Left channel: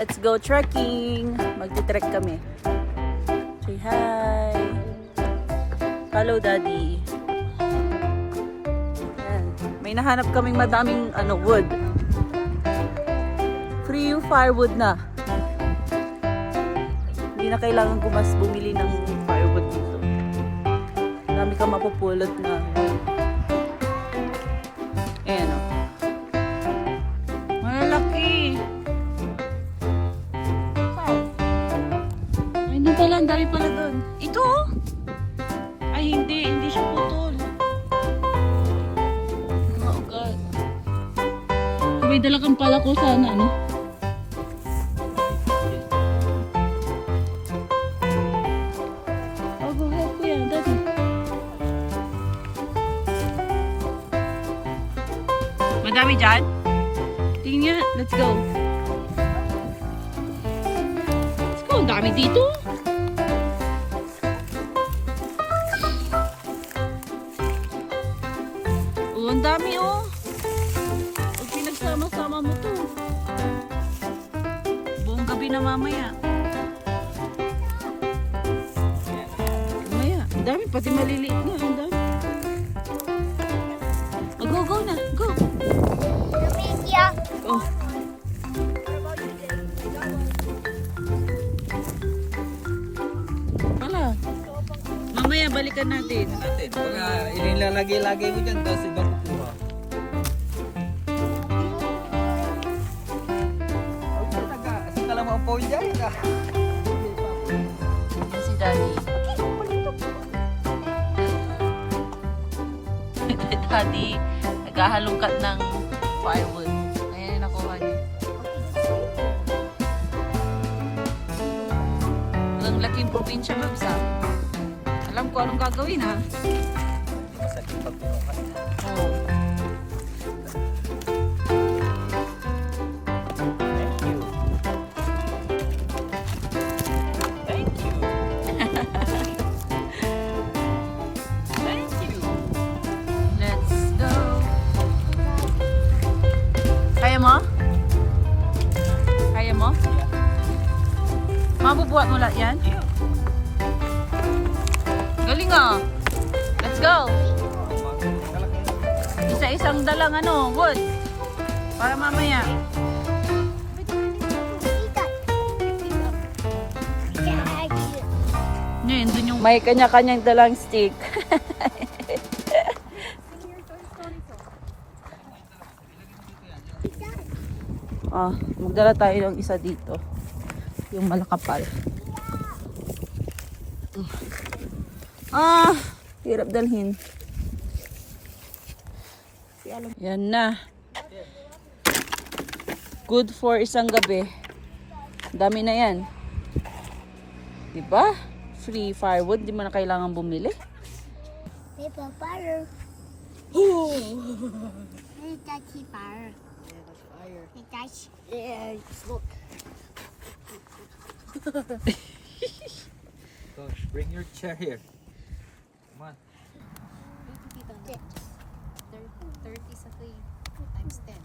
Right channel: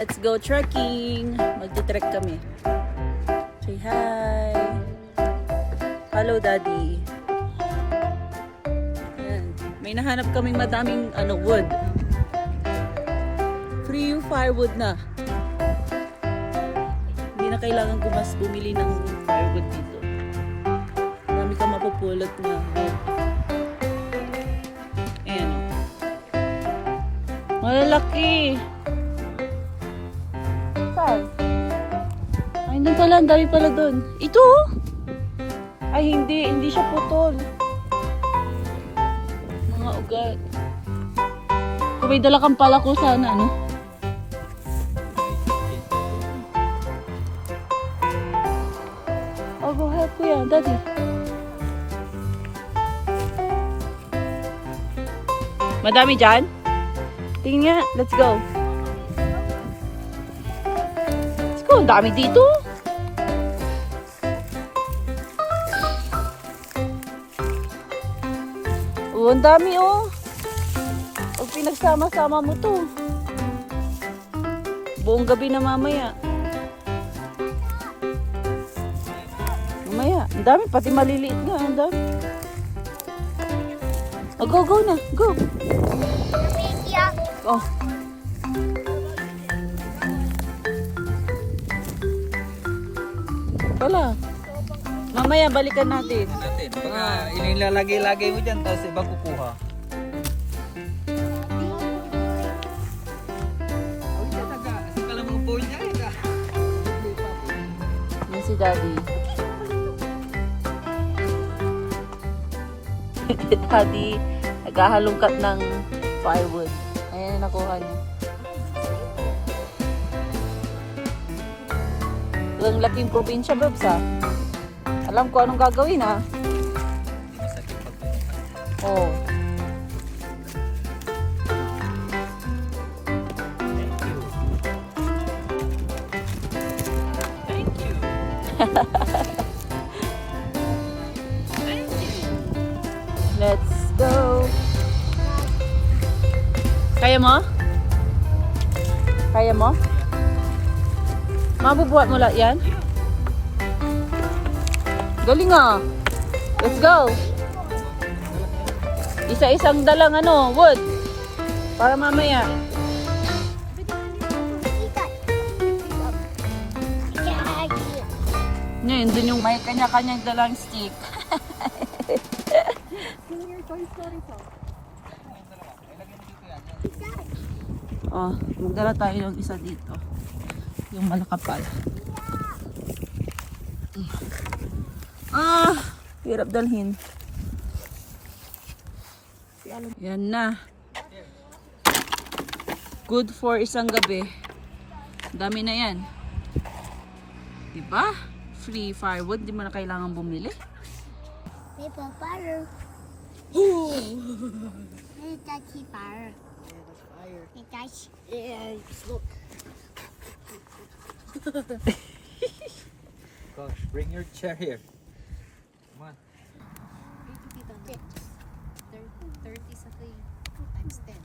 Let's go trekking! Magti-trek kami. Say hi! Hello, Daddy! Ayan. May nahanap kaming madaming wood. Free firewood na. Hindi na kailangan bumili ng firewood dito. Marami kang mapupulot na wood. Ayan o. Malalaki! Saan? Ay, doon pala. Ang dami pala doon. Ito? Ay, hindi. Hindi siya putol. Oh, God. May dala kang pala ko sana, no? Oh, go ahead, kuya. Daddy. Madami dyan? Tingin nga. Let's go. Let's go. Ang dami dito. Oh, ang dami oh. Pag pinagsama-sama mo to. Buong gabi na mamaya. Mamaya. Ang dami. Pati maliliit na. Ang dami. Oh, go, go na. Go. Oh. Wala. Mamaya balikan natin. Baka inilalagay-lagay mo dyan, tapos iba kukuha. Oh, ito taga. Asin ka lang mga phone dyan. Yan si Daddy. Daddy, naghahalungkat ng firewood. Ayan, nakuha niya. Ang laking probinsya, Babs, ha? Alam ko anong gagawin, ha? Masakit pagpunukan. Oo. Thank you. Thank you. Thank you. Let's go. Kaya mo? Kaya mo? Mabubuhat mo lahat yan? Yeah. Galing ah. Let's go. Isa-isang dalang wood. Para mamaya. Ngayon, dun yung may kanya-kanyang dalang stick. Oh, magdala tayo ng isa dito. Yung malakapal. Ah, hirap dalhin. Yan na. Good for isang gabi. Dami na yan. Diba? Free firewood. Di mo na kailangan bumili. Maple fire. Oh! Hey, touchy fire. Yeah, that's fire. Hey, touch. Yeah, just look. Gosh, bring your chair here. Come on. 30 sa 3 times 10.